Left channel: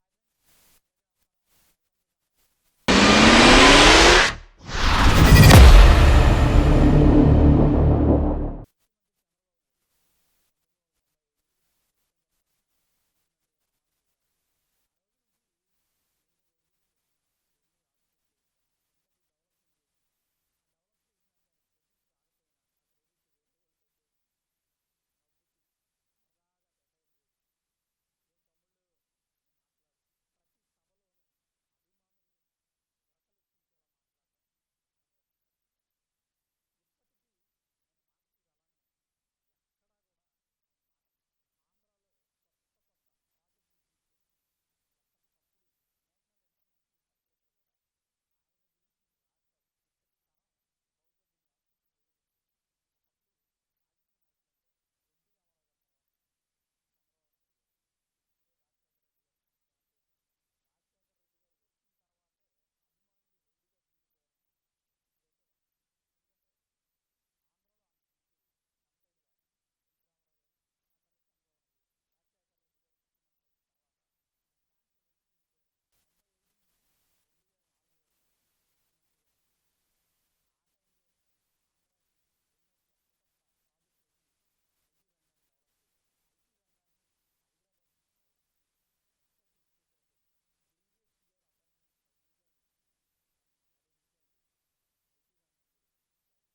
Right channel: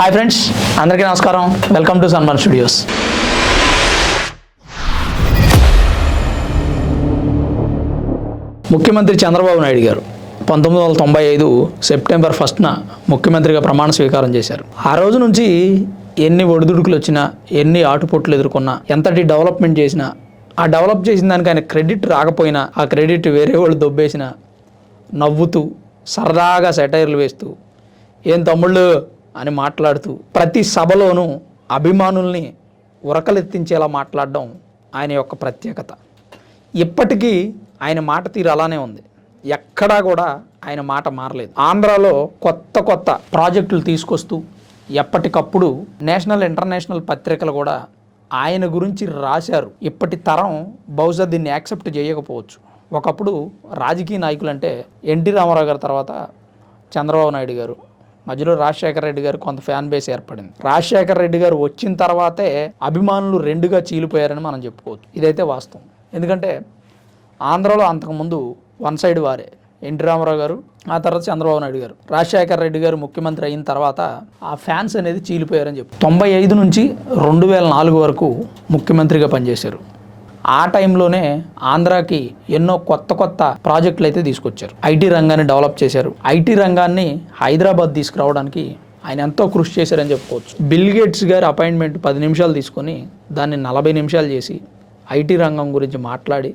Hi friends అందరికీ నమస్కారం. Welcome to సన్మన్ studios ముఖ్యమంత్రి చంద్రబాబు నాయుడు గారు పంతొమ్మిది వందల తొంభై ఐదు సెప్టెంబర్ ఫస్ట్న ముఖ్యమంత్రిగా ప్రమాణ స్వీకారం చేశారు. ఆ రోజు నుంచి ఎన్ని ఒడిదుడుకులు వచ్చినా ఎన్ని ఆటుపోట్లు ఎదుర్కొన్నా ఎంతటి డెవలప్మెంట్ చేసినా ఆ డెవలప్ చేసిన దానికి ఆయన క్రెడిట్ రాకపోయినా ఆ క్రెడిట్ వేరే వాళ్ళు దొబ్బేసిన నవ్వుతూ సరదాగా సెటైర్లు వేస్తూ ఏం తమ్ముళ్ళు అని మాట్లాడుతూ ప్రతి సభలోనూ అభిమానుల్ని ఉరకలెత్తించేలా మాట్లాడడం ఆయన యొక్క ప్రత్యేకత. ఇప్పటికీ ఆయన మాట తీరు అలానే ఉంది. ఎక్కడా కూడా ఆయన మాట మారలేదు. ఆంధ్రాలో కొత్త కొత్త ప్రాజెక్టులు తీసుకొస్తూ ఎప్పటికప్పుడు నేషనల్ ఇంటర్నేషనల్ పత్రికలు కూడా ఆయన గురించి రాశారు. ఇప్పటి తరం బహుశా దీన్ని యాక్సెప్ట్ చేయకపోవచ్చు. ఒకప్పుడు రాజకీయ నాయకులు అంటే ఎన్టీ రామారావు గారి తర్వాత చంద్రబాబు నాయుడు గారు మధ్యలో రాజశేఖర రెడ్డి గారు కొంత ఫ్యాన్ బేస్ ఏర్పడింది. రాజశేఖర రెడ్డి గారు వచ్చిన తర్వాతే అభిమానులు రెండుగా చీలిపోయారని మనం చెప్పుకోవచ్చు. ఇదైతే వాస్తవం. ఎందుకంటే ఆంధ్రలో అంతకుముందు వన్ సైడ్ వారే. ఎన్టీ రామారావు గారు ఆ తర్వాత చంద్రబాబు నాయుడు గారు. రాజశేఖర రెడ్డి గారు ముఖ్యమంత్రి అయిన తర్వాత ఆ ఫ్యాన్స్ అనేది చీలిపోయారని చెప్పి. తొంభై ఐదు నుంచి రెండు వేల నాలుగు వరకు ముఖ్యమంత్రిగా పనిచేశారు. ఆ టైంలోనే ఆంధ్రాకి ఎన్నో కొత్త కొత్త ప్రాజెక్టులు అయితే తీసుకొచ్చారు. ఐటీ రంగాన్ని డెవలప్ చేశారు. ఐటీ రంగాన్ని హైదరాబాద్ తీసుకురావడానికి ఆయన ఎంతో కృషి చేశారని చెప్పుకోవచ్చు. బిల్ గేట్స్ గారి అపాయింట్మెంట్ పది నిమిషాలు తీసుకొని దాన్ని నలభై నిమిషాలు చేసి ఐటీ రంగం గురించి మాట్లాడి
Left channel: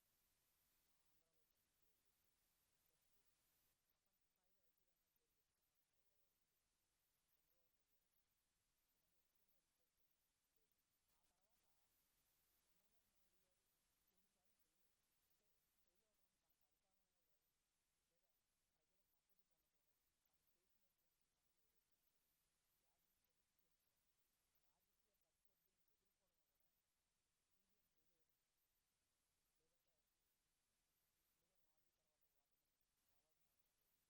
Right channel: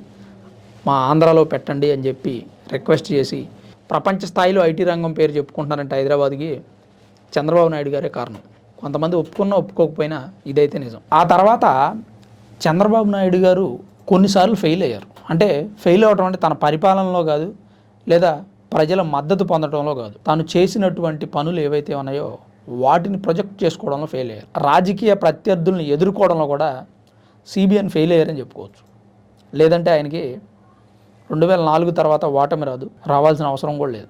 మా ఆంధ్రాలో పెట్టండి అని చెప్పి రిక్వెస్ట్ చేసి ప్రపంచ స్థాయిలో ఐటీ రంగం పేరు చెప్పుకుంటున్నారంటే హైదరాబాద్కి చంద్రబాబు నాయుడు గారే కారణం. కొంతమంది ఒప్పుకున్నా ఒప్పుకోకపోయినా ఇదైతే నిజం. ఆ తర్వాత చంద్రబాబు నాయుడు గారు కొన్నిసార్లు ఫెయిల్ అయ్యారు. అంటే ఫెయిల్ అవడం అంటే తన పరిపాలనలో కాదు లేదా ప్రజల మద్దతు పొందడంలో కాదు. తాను చేసినటువంటి పనులు ఏవైతే ఉన్నాయో వాటిని ప్రొజెక్ట్ చేసుకోవడంలో ఫెయిల్ అయ్యారు. రాజకీయ ప్రత్యర్థుల్ని ఎదుర్కోవడంలో కూడా సిబిఎన్ ఫెయిల్ అయ్యారని చెప్పుకోవచ్చు. లేదంటే ఆయనకి రెండు వేల నాలుగు తర్వాత ఓటమి రాదు రావాల్సిన అవసరం కూడా లేదు.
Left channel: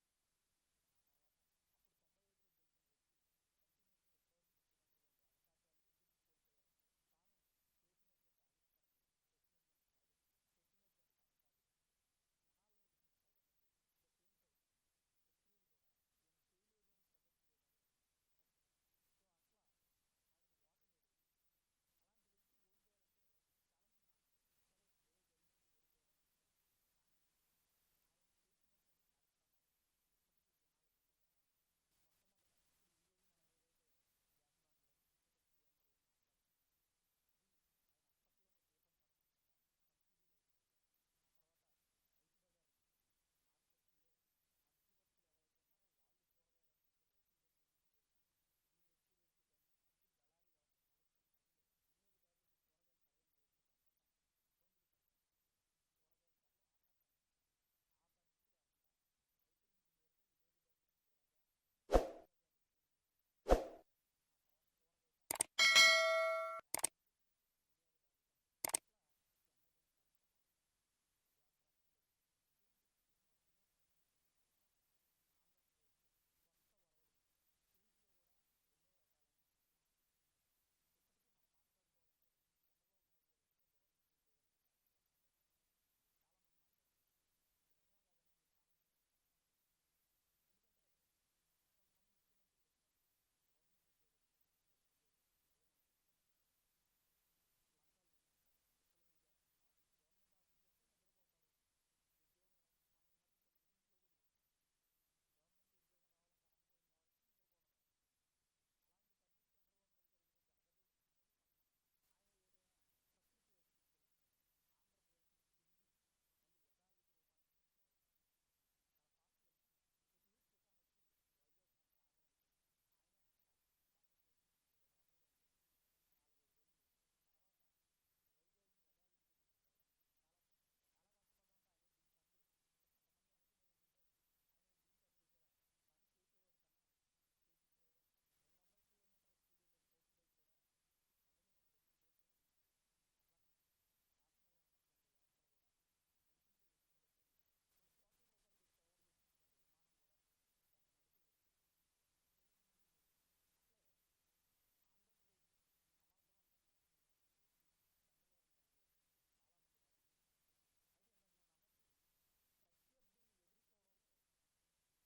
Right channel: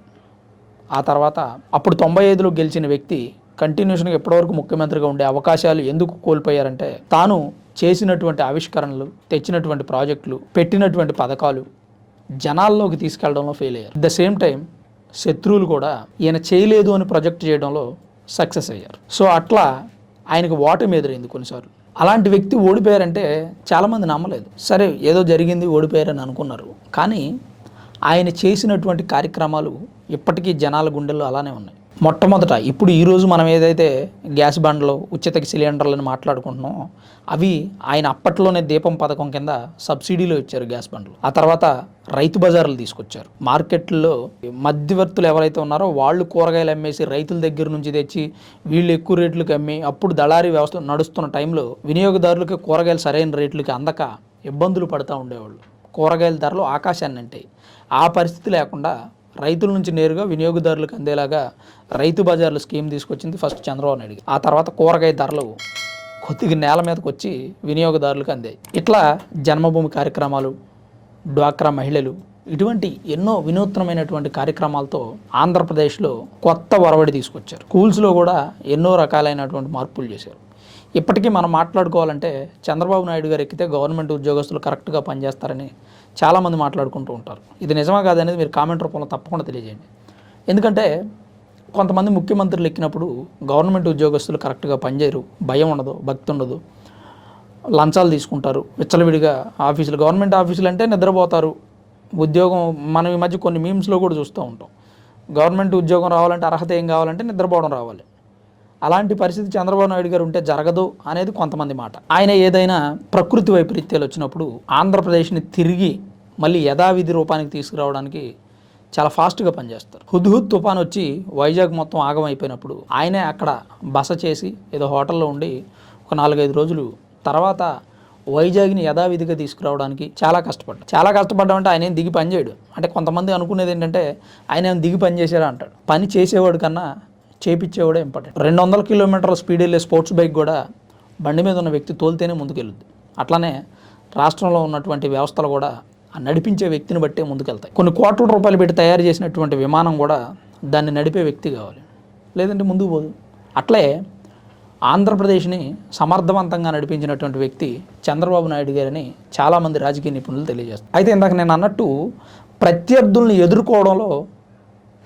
ఆ తర్వాత అప్పుడు తొంభై ఐదులో గెలిచిన వ్యక్తి కంటిన్యూషన్గా ఎప్పటివరకు ముఖ్యమంత్రిగా ఉండే అవకాశాలు ఎందుకు కోల్పోయారంటే తాను చేసినటువంటి ఆవిష్కరణలు తెచ్చినటువంటి ప్రాజెక్టులు పెట్టినటువంటి పథకాలు జనాల్లోకి తీసుకెళ్ళడంలో ఫెయిల్ అయ్యారు. ద సేమ్ టైం శత్రువులు కూడా ఈయన చేయలేదు అని ప్రొజెక్ట్ చేయడంలో సక్సెస్ అయ్యారు. సో అట్లా ఆయనకు ఓటమి ఎదురైంది కొన్నిసార్లు. అలాంటి వ్యక్తి ఓడిపోయారంటే చాలామంది నమ్మలేదు. సరే ఏదో జరిగింది ఓడిపోయారని అనుకున్నారు. కానీ ఆయన చేసినటువంటి కార్యక్రమాలు ఇప్పటికీ జనాల గుండెల్లో అలానే ఉన్నాయి. మొట్టమొదట ఇప్పుడు ఈరోజు మనం ఏదైతే గ్యాస్ బండ్లు ఉచిత సిలిండర్లను మాట్లాడుకుంటున్నామో అవి ఆయన అప్పట్లోనే దీపం పథకం కింద సబ్సిడీలో ఇచ్చారు గ్యాస్ బండ్లు. ఆ తర్వాత రైతు బజార్లు తీసుకొచ్చారు. మార్కెట్లో మధ్యవర్తులు ఎవరైతే ఉన్నారో వాళ్ళు కూరగాయలు అమ్మేసి రైతుల దగ్గర నుంచి తెచ్చి వీళ్ళు ఎక్కువ రేట్లకు అమ్మి అప్పుడు దళారీ వ్యవస్థ నడుస్తున్న టైంలో వినియోగదారులకి కూరగాయలు సరైన రేట్లకి అందక ఇబ్బందులు పడుతూ ఉండేవాళ్ళు. కూరగాయల ధరలు ఆకాశాన్ని అంటాయి. ఆ పరిస్థితి లేకుండా రైతుల నుంచి నేరుగా వినియోగదారులకు అందేలాగా రైతు బజార్లు స్కీమ్ తీసుకొచ్చింది ఫస్ట్ చంద్రబాబు నాయుడు ఆ తర్వాత కూరగాయ ధరలు కొద్దిగా నేల మీదకి వచ్చి వినియోగదారులకు అందాయి. ఇట్లా జన్మభూమి కార్యక్రమాలు డ్వాక్రా మహిళలు ఇటువంటి ఎన్నో వినూత్నమైనటువంటి కార్యక్రమాలతో ఆంధ్రప్రదేశ్లో కొత్త ఒరవడి తీసుకొచ్చారు. స్కూల్స్లో కూడా ఎన్నో రకాలైనటువంటి మార్పులు చేశారు. ఇప్పటికీ మనం మాట్లాడుకోవాలంటే చంద్రబాబు నాయుడు గారు ఎక్కితే గవర్నమెంట్ ఉద్యోగస్తులు కరెక్ట్గా పనిచేస్తారని చాలామంది మాట్లాడుకుంటూ ఉంటారు. ఇది నిజమా కాదనేది మీరు కామెంట్ రూపంలో తప్పకుండా తెలియజేయండి. ఎందుకంటే కొంతమంది ముఖ్యమంత్రులు ఎక్కినప్పుడు గవర్నమెంట్ ఉద్యోగస్తులు కరెక్ట్గా పనిచేయరు. భయం ఉండదు భక్తి ఉండదు. లంచాలు తీసుకుంటారు. విచ్చలవిడిగా ఆఫీసులు గవర్నమెంట్ ఆఫీసులు అంటే నిద్రపోతారు. ఉద్యోగం మనం ఈ మధ్య కొన్ని మీమ్స్లో కూడా చూస్తూ ఉంటాం. గవర్నమెంట్ ఉద్యోగం రావాలంటే అర్హత ఏం కావాలంటే నిద్రపోవడం రావాలి. అలాంటి పరిస్థితి చంద్రబాబు నాయుడు గారు ఉంటే జరగదు అనేది కొంతమంది మాట. ఆయన ఏదైనా ప్రకృతి వైపరీత్యాలు వచ్చినప్పుడు ఆంధ్రప్రదేశ్ని తిరిగి మళ్ళీ యథావిధి రూపానికి తీసుకురావడానికి చాలా ఫాస్ట్గా పనిచేస్తారు. హుద్హుద్ తుఫాన్ వచ్చి వైజాగ్ మొత్తం ఆగమైపోయినప్పుడు ఆయనే అక్కడ బస చేసి ఏదో హోటల్లో ఉండి ఒక నాలుగైదు రోజులు తర్వాత వైజాగ్ని యథావిధిగా తీసుకురావడానికి చాలా కష్టపడ్డాడు. చాలా కష్టపడ్డామంటే ఆయన ఏం దిగి పని చేయడు. అంటే కొంతమంది అనుకునేది ఏంటంటే ఆయన ఏం దిగి పని చేశారా అంటాడు. పని చేసేవాడు కన్నా చేపించేవాడే ఇంపార్టెంట్. రెండు వందల కిలోమీటర్ల స్పీడ్ వెళ్ళే స్పోర్ట్స్ బైక్ కూడా బండి మీద ఉన్న వ్యక్తి తోలితేనే ముందుకెళ్ళుద్ది. అట్లానే రాష్ట్రంలో ఉన్నటువంటి వ్యవస్థలు కూడా ఆ నడిపించే వ్యక్తిని బట్టే ముందుకెళ్తాయి. కొన్ని కోట్ల రూపాయలు పెట్టి తయారు చేసినటువంటి విమానం కూడా దాన్ని నడిపే వ్యక్తి కావాలి. లేదంటే ముందుకు పోదు. అట్లే ఆంధ్రప్రదేశ్ని సమర్థవంతంగా నడిపించినటువంటి వ్యక్తి చంద్రబాబు నాయుడు గారని చాలామంది రాజకీయ నిపుణులు తెలియజేస్తారు. అయితే ఇందాక నేను అన్నట్టు ప్రత్యర్థుల్ని ఎదుర్కోవడంలో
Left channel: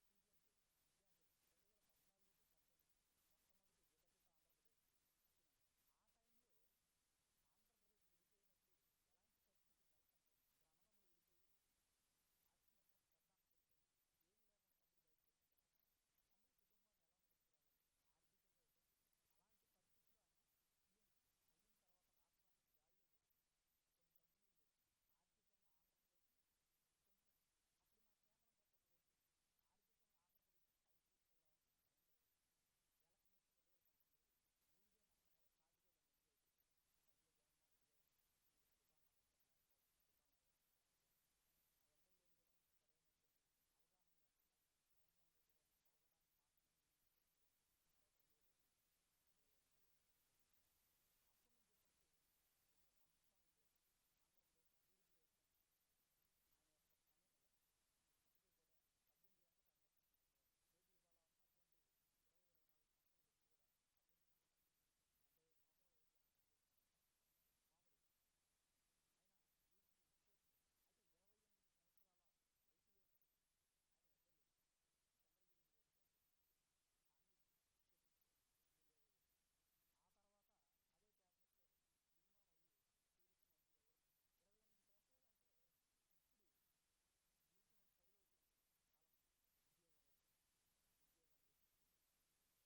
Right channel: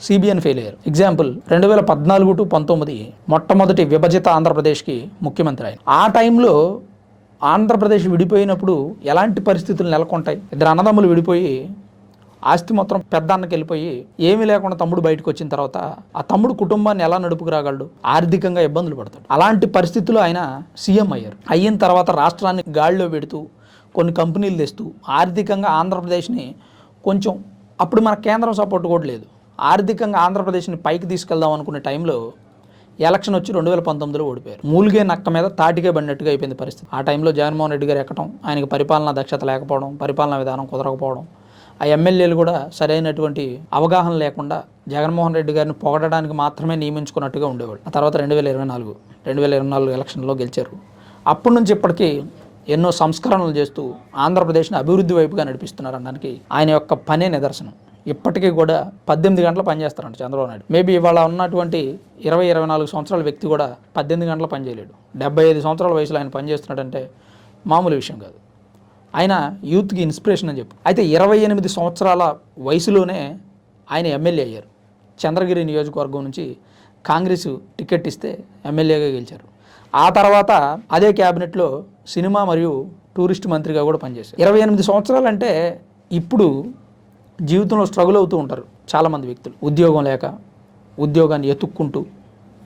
సిబిఎన్ ఫెయిల్ అయ్యారు. ఎగ్జాంపుల్ రెండు వేల పద్నాలుగు టు పంతొమ్మిది మొట్టమొదటి విభజిత ఆంధ్రప్రదేశ్కి ముఖ్యమంత్రి ఆయన ఆ టైంలో ఆంధ్రప్రదేశ్ విడిపోయినప్పుడు ఎలాంటి పరిస్థితులు నెలకొంటాయి? ఇద్దరు అన్నదమ్ములు విడిపోయి ఆస్తి మొత్తం పెద్ద అన్నకి వెళ్ళిపోయి ఏమీ లేకుండా తమ్ముడు బయటకు వచ్చిన తర్వాత ఆ తమ్ముడు కుటుంబాన్ని ఎలా నడుపుకు రాగలడు? ఆర్థికంగా ఇబ్బందులు పడతాడు. అలాంటి పరిస్థితులు ఆయన సీఎం అయ్యారు. అయిన తర్వాత రాష్ట్రాన్ని గాడిలో పెడుతూ కొన్ని కంపెనీలు తెస్తూ ఆర్థికంగా ఆంధ్రప్రదేశ్ని కొంచెం అప్పుడు మన కేంద్రం సపోర్ట్ కూడా లేదు. ఆర్థికంగా ఆంధ్రప్రదేశ్ని పైకి తీసుకెళ్దాం అనుకునే టైంలో ఎలక్షన్ వచ్చి రెండు వేల పంతొమ్మిదిలో ఓడిపోయారు. మూలిగే నక్క మీద తాటికే పడినట్టుగా అయిపోయింది పరిస్థితి. ఆ టైంలో జగన్మోహన్ రెడ్డి గారు ఎక్కడం ఆయనకి పరిపాలనా దక్షత లేకపోవడం పరిపాలనా విధానం కుదరకపోవడం ఆ ఎమ్మెల్యేలు కూడా సరైనటువంటి అవగాహన లేకుండా జగన్మోహన్ రెడ్డి గారిని పొగడడానికి మాత్రమే నియమించుకున్నట్టుగా ఉండేవాళ్ళు. ఆ తర్వాత రెండు వేల ఇరవై నాలుగు రెండు వేల ఇరవై నాలుగు ఎలక్షన్లో గెలిచారు. అప్పటి నుంచి ఇప్పటికీ ఎన్నో సంస్కరణలు చేస్తూ ఆంధ్రప్రదేశ్ని అభివృద్ధి వైపుగా నడిపిస్తున్నారు అనడానికి ఆయన యొక్క పనే నిదర్శనం. ఇప్పటికీ కూడా పద్దెనిమిది గంటలు పనిచేస్తారంట చంద్రబాబు నాయుడు. మేబీ ఇవాళ ఉన్నటువంటి ఇరవై ఇరవై నాలుగు సంవత్సరాల వ్యక్తి కూడా పద్దెనిమిది గంటలు పనిచేయలేడు డెబ్బై ఐదు సంవత్సరాల వయసులో ఆయన పనిచేస్తున్నాడంటే మామూలు విషయం కాదు. ఆయన యూత్కి ఇన్స్పిరేషన్ అని చెప్పు. అయితే ఇరవై ఎనిమిది సంవత్సరాల వయసులోనే ఆయన ఎమ్మెల్యే అయ్యారు. చంద్రగిరి నియోజకవర్గం నుంచి కాంగ్రెస్ టికెట్ ఇస్తే ఎమ్మెల్యేగా గెలిచారు. ఆ తర్వాత అదే క్యాబినెట్లో సినిమా మరియు టూరిస్ట్ మంత్రిగా కూడా పనిచేశారు. ఇరవై ఎనిమిది సంవత్సరాలు అంటే ఇప్పుడు జీవితంలో స్ట్రగుల్ అవుతూ ఉంటారు చాలామంది వ్యక్తులు. ఉద్యోగం లేక ఉద్యోగాన్ని ఎతుక్కుంటూ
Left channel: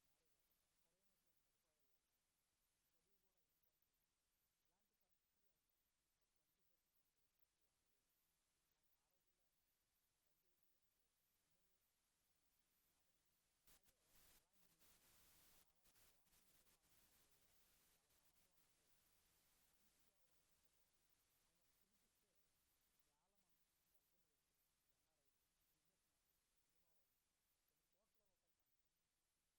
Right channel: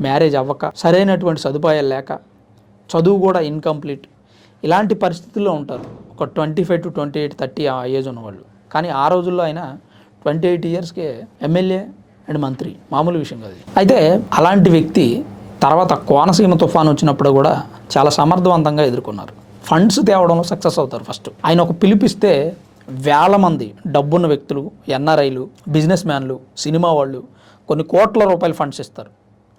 మ్యారేజ్ అవ్వక సరైనటువంటి సదుపాయాలు లేక చదువు కూడా ఇన్కంప్లీట్ ఇలాంటి పరిస్థితుల్లో ఉంటారు. ఒక twenty five to twenty eight thirty ఆ ఏజ్ ఉన్నవాళ్ళు. కానీ ఆ రోజుల్లో అయినా ట్వంటీ ఎయిట్ ఇయర్స్కే ఎమ్మెల్యే అండ్ మంత్రి. మామూలు విషయం కాదు అయితే అలాంటి వ్యక్తి తర్వాత కోనసీమ తుఫాన్ వచ్చినప్పుడు కూడా చాలా సమర్థవంతంగా ఎదుర్కొన్నారు. ఫండ్స్ తేవడంలో సక్సెస్ అవుతారు ఫస్ట్ ఆయన ఒక పిలిపిస్తే వేల మంది డబ్బున్న వ్యక్తులు ఎన్ఆర్ఐలు బిజినెస్ మ్యాన్లు సినిమా వాళ్ళు కొన్ని కోట్ల రూపాయల ఫండ్స్ ఇస్తారు.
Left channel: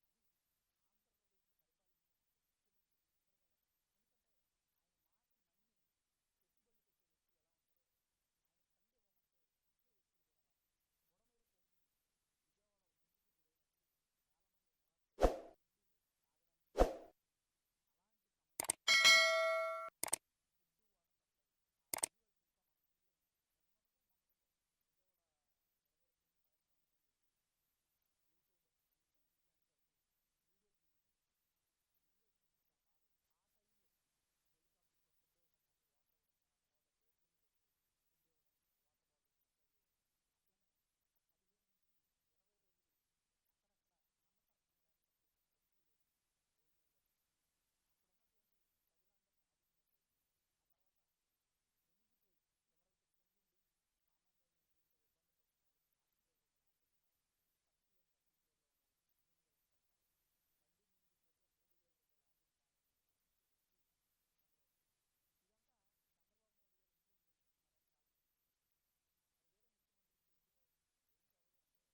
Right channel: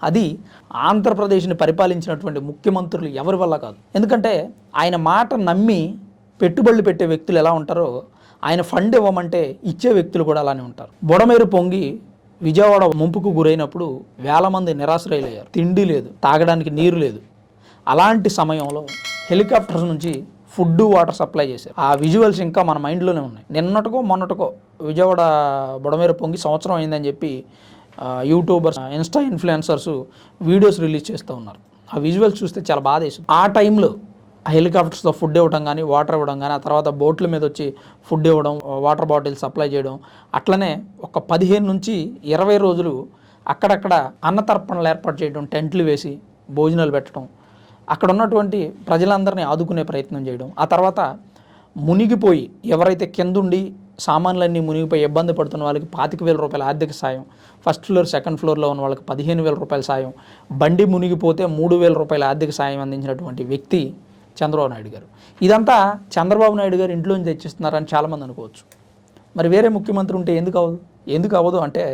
అది ఆంధ్రప్రదేశ్ని పరిపాలించినటువంటి ముఖ్యమంత్రులు ఎవరి వల్ల కాదు. ఎందుకంటే ఆయన మాట నమ్మి పెట్టుబడులు పెట్టే వ్యక్తులు ఎలా ఉంటారో ఆయన ఫండ్ ఇవ్వమంటే ఇచ్చే వ్యక్తులు కూడా అలానే ఉంటారు. బుడమేరు పొంగి విజయవాడ ముంపుకు గురైనప్పుడు వేల మంది నిరాశ్రయులయ్యారు. తిండి లేదు తాగడానికి నీరు లేదు. అలాంటి సమయంలో హెలికాప్టర్స్ నుంచి ఫుడ్ వాటర్ సప్లై చేశారు. ఆ విజువల్స్ ఇంకా మన మైండ్లోనే ఉన్నాయి. నిన్నటికో మొన్నటికో విజయవాడ బుడమేర పొంగి సంవత్సరం అయిందని చెప్పి YouTubers insta influencers videos release చేస్తూ ఉన్నారు. ఆ విజువల్స్ చూస్తే చాలా బాధ వేసింది. ఆ టైంలో ఆ హెలికాప్టర్స్తో ఫుడ్ ఇవ్వడం కానీ వాటర్ ఇవ్వడం కానీ ఆ తర్వాత బోట్ల మీద వచ్చి ఫుడ్ ఇవ్వడం వాటర్ బాటిల్స్ సప్లై చేయడం అట్లనే ఒక పదిహేను నుంచి ఇరవై రోజులు అక్కడక్కడ అన్నతర్పణలు ఏర్పాటు చేయడం టెంట్లు వేసి భోజనాలు పెట్టడం అక్కడ ఉన్నటువంటి ప్రజలందరినీ ఆదుకునే ప్రయత్నం చేయడం. ఆ తర్వాత మునిగిపోయి ఎవరైతే కిందుండి సామాన్లన్నీ మునిగిపోయి ఇబ్బంది పడుతున్న వాళ్ళకి పాతిక వేల రూపాయల ఆర్థిక సాయం ఫస్ట్ ఫ్లోర్ సెకండ్ ఫ్లోర్లో ఉన్న వాళ్ళకి పదిహేను వేల రూపాయల సాయం బండి మునిగిపోతే మూడు వేల రూపాయల ఆర్థిక సాయం అందించినటువంటి వ్యక్తి చంద్రబాబు నాయుడు గారు. ఇదంతా చంద్రబాబు నాయుడు గారు ఇంట్లోంచి తెచ్చిస్తున్నారని చాలామంది అనుకోవచ్చు. మరి వేరే ముఖ్యమంత్రి ఉంటే ఎందుకు అవ్వదు? ఎందుకు అవ్వదు అంటే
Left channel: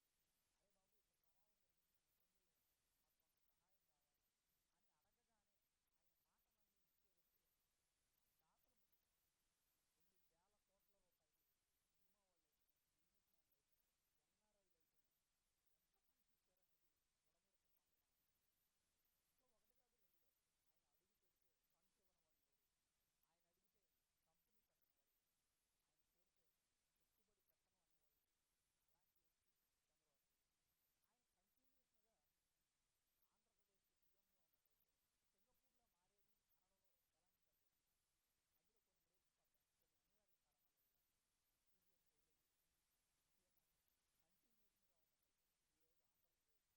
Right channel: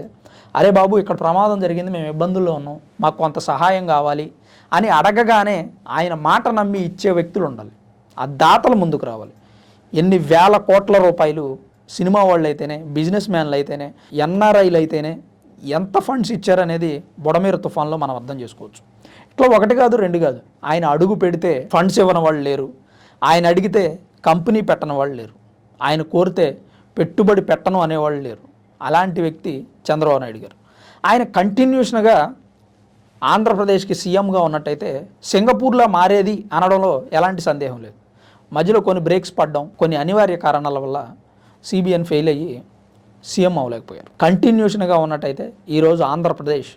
అరే బాబు ఇక్కడ ప్రమాదం జరిగింది మేము ఇబ్బందుల్లో ఉన్నాం మాకు కొంత సహాయం కావాలి అని అడగగానే ఆయన మాట నమ్మి ఇచ్చే వ్యక్తులు ఉండాలి. ఆ దాతలు ముందుకు రావాలి. ఎన్ని వేల కోట్ల రూపాయలు సినిమా వాళ్ళు అయితేనే బిజినెస్ మ్యాన్లు అయితేనే ఎన్ఆర్ఐలు అయితేనే ఎంత ఫండ్స్ ఇచ్చారనేది బుడమీర తుఫాన్లో మనం అర్థం చేసుకోవచ్చు. ఇట్లా ఒకటి కాదు రెండు కాదు. ఆయన అడుగు పెడితే ఫండ్స్ ఇవ్వని వాళ్ళు లేరు. ఆయన అడిగితే కంపెనీ పెట్టని వాళ్ళు లేరు. ఆయన కోరితే పెట్టుబడి పెట్టను అనేవాళ్ళు లేరు. అలాంటి వ్యక్తి చంద్రబాబు నాయుడు గారు. ఆయన కంటిన్యూషన్గా ఆంధ్రప్రదేశ్కి సీఎంగా ఉన్నట్టయితే సింగపూర్లో మారేది అనడంలో ఎలాంటి సందేహం లేదు. మధ్యలో కొన్ని బ్రేక్స్ పడడం కొన్ని అనివార్య కారణాల వల్ల సిబిఎన్ ఫెయిల్ అయ్యి సీఎం అవ్వలేకపోయారు. కంటిన్యూషన్గా ఉన్నట్టయితే ఈరోజు ఆంధ్రప్రదేశ్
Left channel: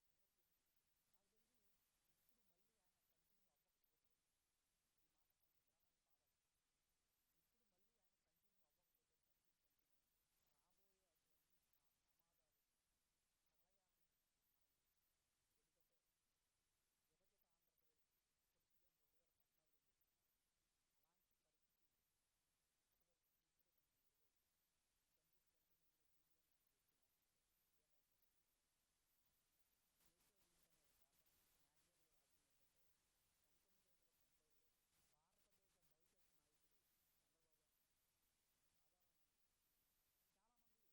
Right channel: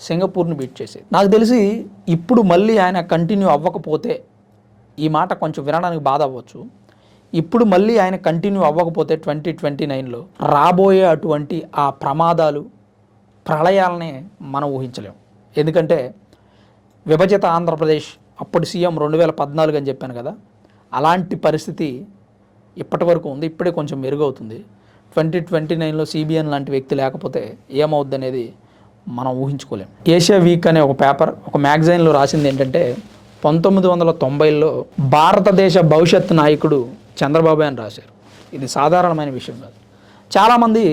సింగపూర్ని బీట్ చేసేది. నాకు తెలిసి ఇప్పుడు మళ్ళీ ఆయన కంటిన్యూ అవ్వకపోతే ఈ మాట కొంచెం వినడానికి బాధ అవ్వచ్చు. ఇప్పుడు మళ్ళీ ఆయన కంటిన్యూ అవ్వకపోతే ట్వంటీ ట్వంటీ నైన్లో రాబోయే అటువంటి ఆ ప్రమాదాలు ప్రళయాలనే మనం ఊహించలేం ఎందుకంటే విభజిత ఆంధ్రప్రదేశ్ అప్పుడు సీఎం రెండు వేల పద్నాలుగు అని చెప్పాను కదా అలాంటి పరిస్థితి ఇప్పటి వరకు ఉంది. ఇప్పుడే కొంచెం మెరుగవుతుంది. ట్వంటీ ట్వంటీ నైన్లో సిబిఎన్ లాంటి వ్యక్తి లేకపోతే ఏమవుద్ది అనేది మనం ఊహించుకోలేం. ఏషియా వీక్ అనే ఒక పేపర్ ఒక మ్యాగజైన్లో రాసింది ఏంటంటే పంతొమ్మిది వందల తొంభైలో భారతదేశ భవిష్యత్ నాయకుడు చంద్రబాబు అని రాశారు. ఇది సాధారణమైన విషయం కాదు. చాలామంది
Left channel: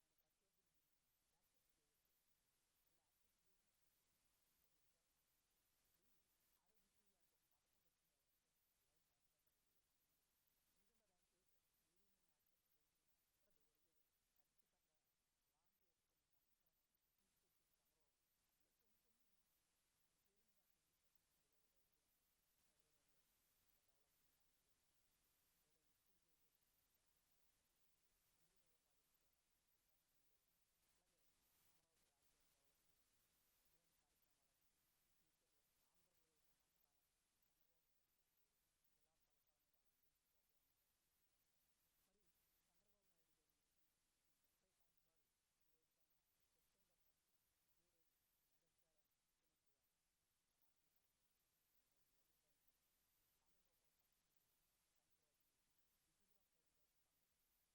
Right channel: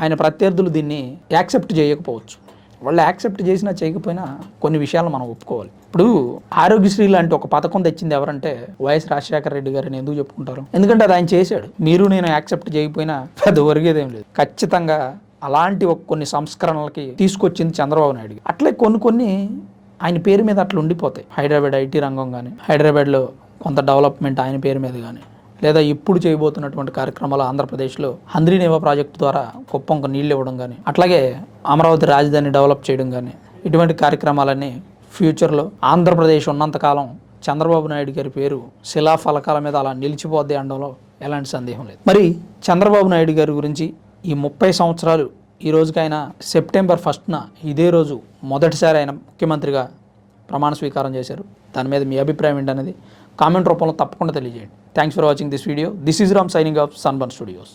ఆయన ప్రత్యర్థులు దీన్ని యాక్సెప్ట్ చేయకపోవచ్చు. వాళ్ళు యాక్సెప్ట్ చేసినా చేయకపోయినా కొన్ని విషయాలు మనం ఒప్పుకోవాలి. ఇప్పుడు ఆరోగ్యశ్రీ లాంటి ఒక పథకం తెచ్చింది ఎవరంటే వైఎస్ రాజశేఖర రెడ్డి గారిని ఎందుకు చెప్పుకుంటారు? ఎందుకంటే అది ఆయన చేశాడు. మీరు నేను యాక్సెప్ట్ చేయకపోయినా పెద్ద ఒరిగేదేం లేదు. ఖచ్చితంగా అలాంటి ఒక కొన్ని సంస్కరణలకి తీసుకొచ్చింది చంద్రబాబు నాయుడు అట్లే కొన్ని కొన్ని ఆయన పేరు మీద అట్లా ఉండిపోతాయి. హైదరాబాద్ ఐటీ రంగం కానీ హైదరాబాద్లో కొంత డెవలప్మెంట్ ఆయన పేరు మీద కానీ లేదా ఇప్పుడు చేయబోతున్నటువంటి కార్యక్రమాలు ఆంధ్రప్రదేశ్లో హంద్రీనేవా ప్రాజెక్టు ద్వారా కుప్పంకు నీళ్ళు ఇవ్వడం కానీ అట్లాగే అమరావతి రాజధాని డెవలప్ చేయడం కానీ ఇటువంటి కార్యక్రమాలన్నీ ఫ్యూచర్లో ఆంధ్రప్రదేశ్ ఉన్నంతకాలం చంద్రబాబు నాయుడు గారి పేరు శిలాఫలకాల మీద అలా నిలిచిపోద్ది అనడంలో ఎలాంటి సందేహం లేదు. మరి చంద్రబాబు నాయుడు గారి గురించి ఈ ముప్పై సంవత్సరాలు ఈ రోజుకైనా సెప్టెంబర్ ఫస్ట్న ఇదే రోజు మొదటిసారి ఆయన ముఖ్యమంత్రిగా ప్రమాణ స్వీకారం చేశారు. దాని మీద మీ అభిప్రాయం ఏంటనేది కామెంట్ రూపంలో తప్పకుండా తెలియజేయండి. Thanks for watching this video this is Ram signing off Sunburn Studios